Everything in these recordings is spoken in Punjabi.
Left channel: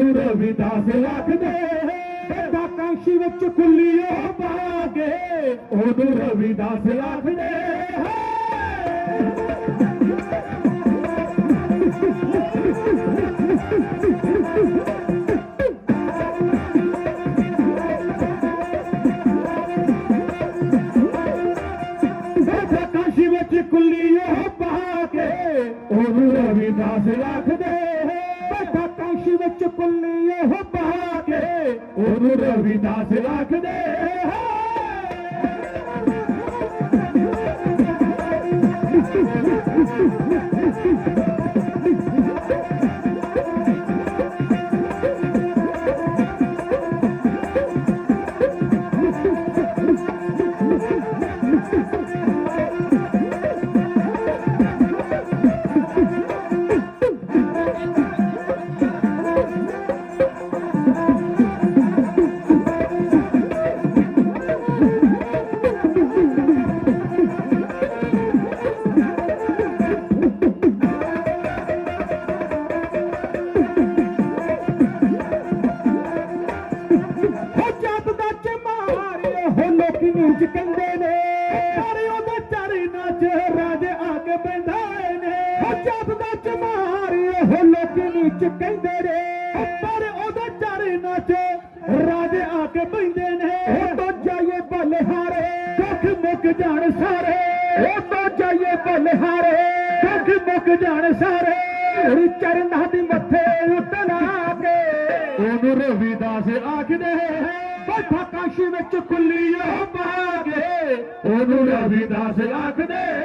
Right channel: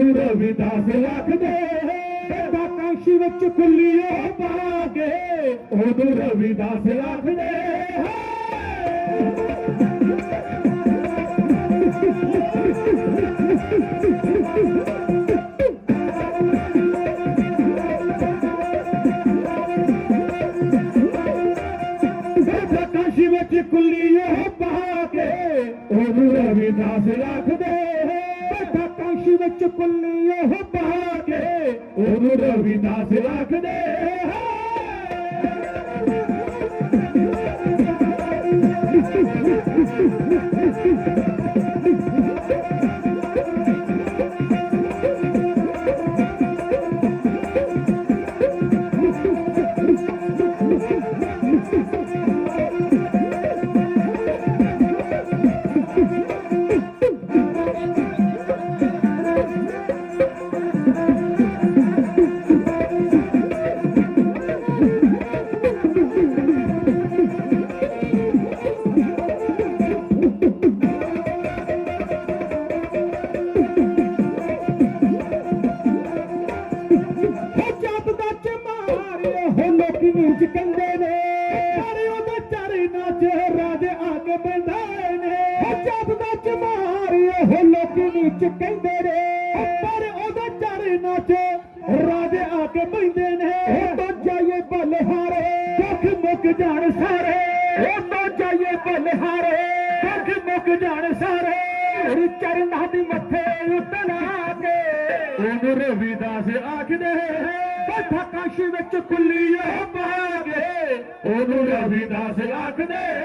ਉਹਨੂੰ ਰਵਿਦਾਸ ਆਖਦੇ ਬੇਟਾ ਕਾਸ਼ੀ ਵਿੱਚ ਕੁੱਲੀਏ ਪਾ ਕੇ ਉਹਨੂੰ ਰਵਿਦਾਸ ਆਖਦੇ ਬੇਟਾ ਕਾਸ਼ੀ ਵਿੱਚ ਕੁੱਲੀਏ ਪਾ ਕੇ ਉਹਨੂੰ ਰਵਿਦਾਸ ਆਖਦੇ ਕਾਸ਼ੀ ਵਿੱਚ ਕੁੱਲੀਏ ਪਾ ਕੇ ਉਹਨੂੰ ਰਵਿਦਾਸ ਆਖਦੇ ਹੋ ਬੰਧਾਏ ਨੇ ਹੋ ਜੱਟ ਦਾ ਚਮਾਰੇ ਹੋ ਲੋਕੀ ਨੀਚ ਕਹਿੰਦੇ ਨੇ। ਪਰ ਉਹਦਾ ਚਾਰੇ ਨਾਚ ਰਾਜ ਆਗੇ ਬੰਦੇ ਨੇ। ਤਾਂ ਜਾਈਏ ਬਲਿਹਾਰੇ, ਦੁੱਖ ਮੁੱਕ ਜਾਣ ਸਾਰੇ। ਹੋ ਤਾਂ ਜਾਈਏ ਬਲਿਹਾਰੇ, ਦੁੱਖ ਮੁੱਕ ਜਾਣ ਸਾਰੇ। ਤੇਰੀ ਚਰਨਾਂ ਦੀ ਮੱਥੇ ਉੱਤੇ ਲਾ ਕੇ। ਉਹਨੂੰ ਰਵਿਦਾਸ ਆਖਦੇ ਬੈਠਾ ਕਾਸ਼ੀ ਵਿੱਚ ਕੁੱਲੀ ਪਾ ਕੇ ਉਹਨੂੰ ਰਵਿਦਾਸ ਆਖਦੇ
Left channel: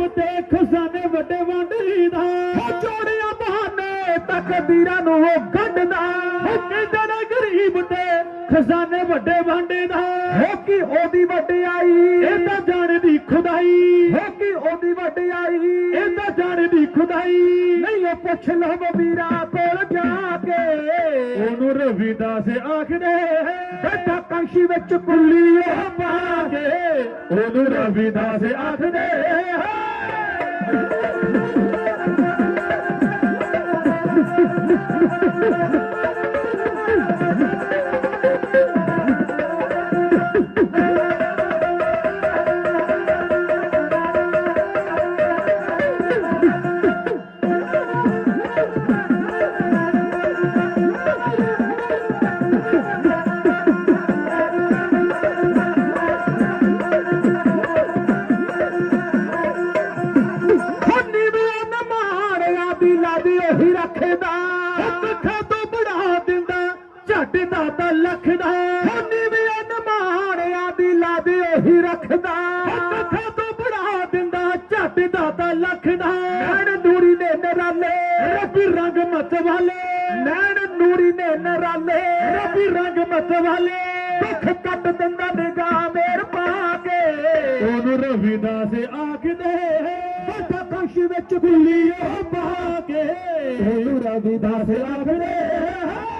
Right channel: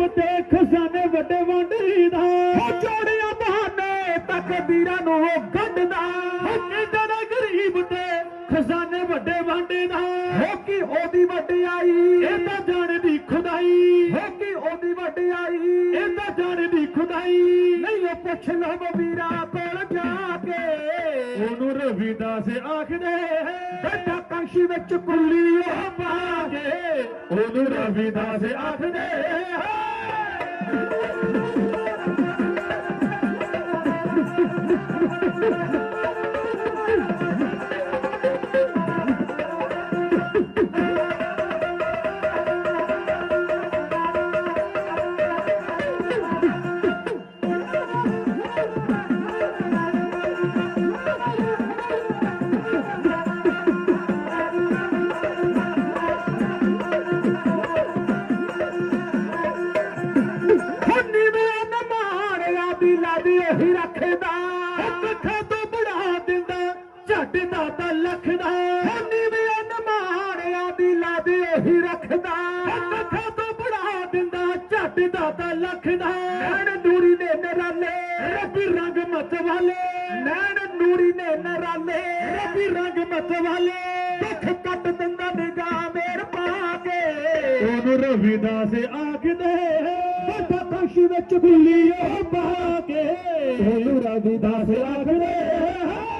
ਗਰੀਬ ਤੇ ਖਜ਼ਾਨੇ ਵੱਡੇ ਵੰਡੀਦਾ ਹੋ ਜੋੜਿਆ ਬਹਾਨੇ ਤੱਕ ਵੀਰਾਂ ਨੂੰ ਉਹ ਗੱਡਦਾ ਹੋ ਕਹਿੰਦੇ ਨੇ ਗਰੀਬ ਤੇ ਖਜ਼ਾਨੇ ਵੱਡੇ ਵੰਡੀਦਾ। ਹੋ ਕੀ ਉਹਦੀ ਵਡਿਆਈ ਇਹ ਤਾਂ ਜਾਣਦੀ ਖੁਦਾਈ। ਹੋ ਕੀ ਉਹਦੀ ਵਡਿਆਈ ਇਹ ਤਾਂ ਜਾਣਦੀ ਖੁਦਾਈ। ਨਹੀਂ ਉਹ ਪੁੱਛ ਲਓ ਵੀਰਾ ਕੋਲ ਜਾ ਕੇ। ਉਹਨੂੰ ਰਵਿਦਾਸ ਆਖਦੇ ਬੇਟਾ ਵਿੱਚ ਕੁੱਲੀਏ ਪਾ ਕੇ ਉਹਨੂੰ ਰਵਿਦਾਸ ਆਖਦੇ ਨਮਾਰਿਆ ਲਾਦੀ ਉਹੀ ਰੱਖਦਾ। ਕੱਖਾਂ ਤੋਂ ਬੜਾ ਦਿੰਦਾ, ਝੱਟ ਦਾ ਤਾਂ ਲਖਦਾ ਖੰਨੀ ਦੀਆਂ ਨਮਾਰਿਆ ਦੀ ਲਾਦੀ ਉਹੀ ਰੱਖਦਾ। ਕੱਖਾਂ ਤੋਂ ਬੜਾ ਦਿੰਦਾ, ਝੱਟ ਦਾ ਤਾਂ ਲਖਦਾ। ਨੈਣ ਨੂਰੀ ਨੇ ਨਰਾਲੇ, ਰੱਬੀ ਰੰਗ ਮਤ ਵਾਲੇ। ਨੈਣ ਨੂਰੀ ਨੇ ਨਰਾਲੇ, ਰੱਬੀ ਰੰਗ ਮਤ ਵਾਲੇ। ਦੁੱਖ ਕੱਟ ਦਿੰਦਾ ਨਿਗਾਹ ਮੇਰ ਰਵਿਦਾਸ ਆਖਦੇ ਬੇਟਾ ਕਾਸ਼ੀ ਵਿੱਚ ਪਾ ਕੇ। ਉਹਨੂੰ ਰਵਿਦਾਸ ਆਖਦੇ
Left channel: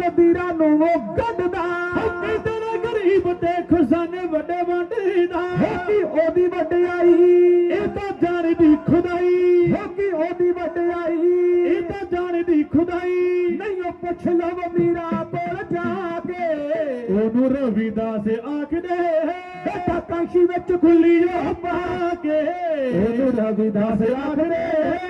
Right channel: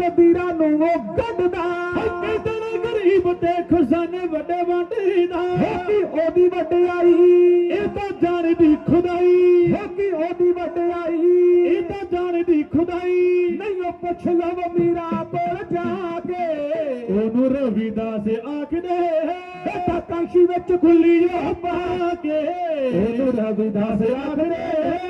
ਤੱਕ ਵੀਰਾਂ ਨੂੰ ਉਹ ਗੱਡਦਾ। ਹੋ ਕਹਿੰਦੇ ਨੇ ਗਰੀਬ ਤੇ ਖੁਸਨ ਵੱਡੇ ਵੰਡੀ ਦਾ। ਹੋਕੀ ਉਹਦੀ ਵਡਿਆਈ। ਇਹ ਤਾਂ ਜਾਣਦੀ ਖੁਦਾਈ। ਹੋਕੀ ਉਹਦੀ ਵਡਿਆਈ। ਇਹ ਤਾਂ ਜਾਣਦੀ ਖੁਦਾਈ। ਨਹੀਂ ਉਹ ਪੁੱਛ ਲਵ ਮੀਰਾ ਕੋਲ ਜਾ ਕੇ। ਉਹਨੂੰ ਰਵਿਦਾਸ ਆਖਦੇ ਬੇਟਾ ਕਾਂਸ਼ੀ ਵਿੱਚ ਗੁੱਲੀ ਜੋ ਪਾ ਕੇ। ਉਹਨੂੰ ਰਵਿਦਾਸ ਆਖਦੇ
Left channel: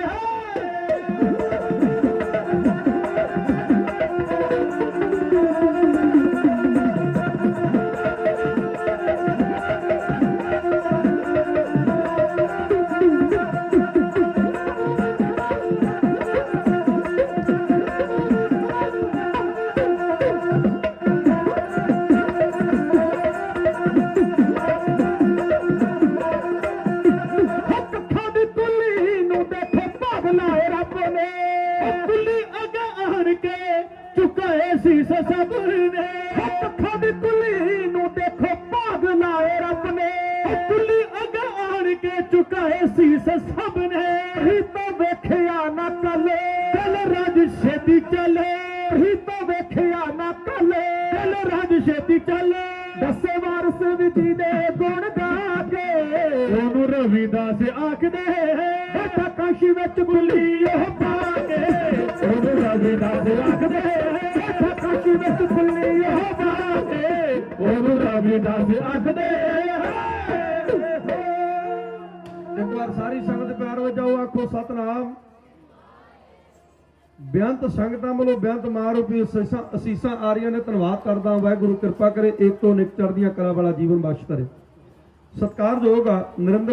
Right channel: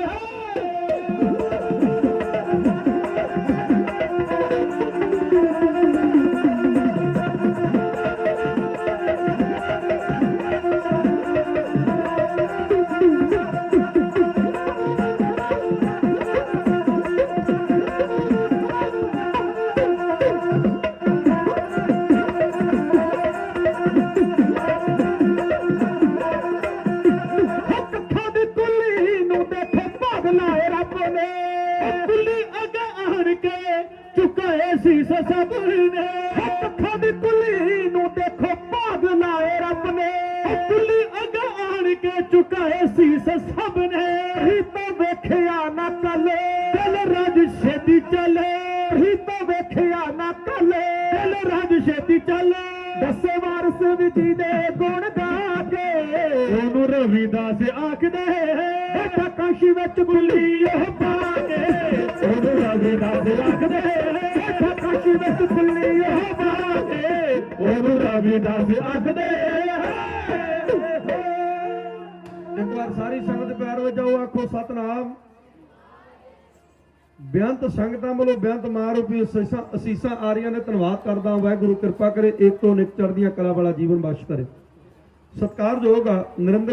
ਸੀਸ ਸਭ ਨੇ। ਅੱਖਾਂ ਦੀ ਕੁੱਲੀ ਨੂੰ ਦੇਖੋ ਭਾਗ ਲਾਏ ਰੱਬ ਨੇ। ਉਹ ਕੁੱਲੀ ਅੱਗੇ ਆਣ ਕੇ ਝੁਕਾਏ ਸੀਸ ਸਭ ਨੇ। ਹੀ ਤਾਂ ਵੇਖਿਆ ਨਾ ਕੱਲੇ। ਚੱਲ ਰਾਜ ਛੇਤੀ ਚੱਲੇ। ਹੀ ਤਾਂ ਵੇਖਿਆ ਨਾ ਕੱਲੇ। ਚੱਲ ਰਾਜ ਛੇਤੀ ਚੱਲੇ। ਦੱਸੇ ਵਾਰਸ ਵਿਜੀ ਦੇ ਗੁਣ ਗਾ ਕੇ। ਉਹਨੂੰ ਰਵਿਦਾਸ ਆਖਦੇ ਬੇਟਾ ਕਾਸ਼ੀ ਵਿੱਚ ਬੁੱਲੀ ਉਹ ਪਾ ਕੇ। ਉਹਨੂੰ ਰਵਿਦਾਸ ਆਖਦੇ ਬੇਟਾ ਕਾਸ਼ੀ ਵਿੱਚ ਬੁੱਲੀ ਉਹ ਪਾ ਕੇ। ਉਹਨੂੰ ਰਵਿਦਾਸ ਆਖਦੇ ਇੱਕ ਵਾਰ ਸਾਰੀ ਸੰਗਤ ਪਿਆਰ ਵਿੱਚ ਆਓ ਆਖੋ ਸਤਨਾਮ। ਬੇਅੰਤ ਸੰਗਤਾਂ ਵੱਲੋਂ ਬੇਅੰਤ ਮਾਰੂਪੀ ਅਸੀਸਾਂ ਅਸੀਸਾਂ ਆ ਰਹੀਆਂ ਨੇ ਧੰਨਵਾਦ ਕਰਦਾ ਵਾਹਿਗੁਰੂ, ਕਿਰਪਾ ਕਰੇ ਏਕ ਤੋਂ ਨਿਕ ਚੜ੍ਹਦੀਆਂ ਕਲਾ ਵਾਲਾ ਜੀਵਨ ਬਖਸ਼ ਕਰੇ। ਸਤਿਕਾਰਯੋਗ ਆ, ਨਰਿੰਦਰ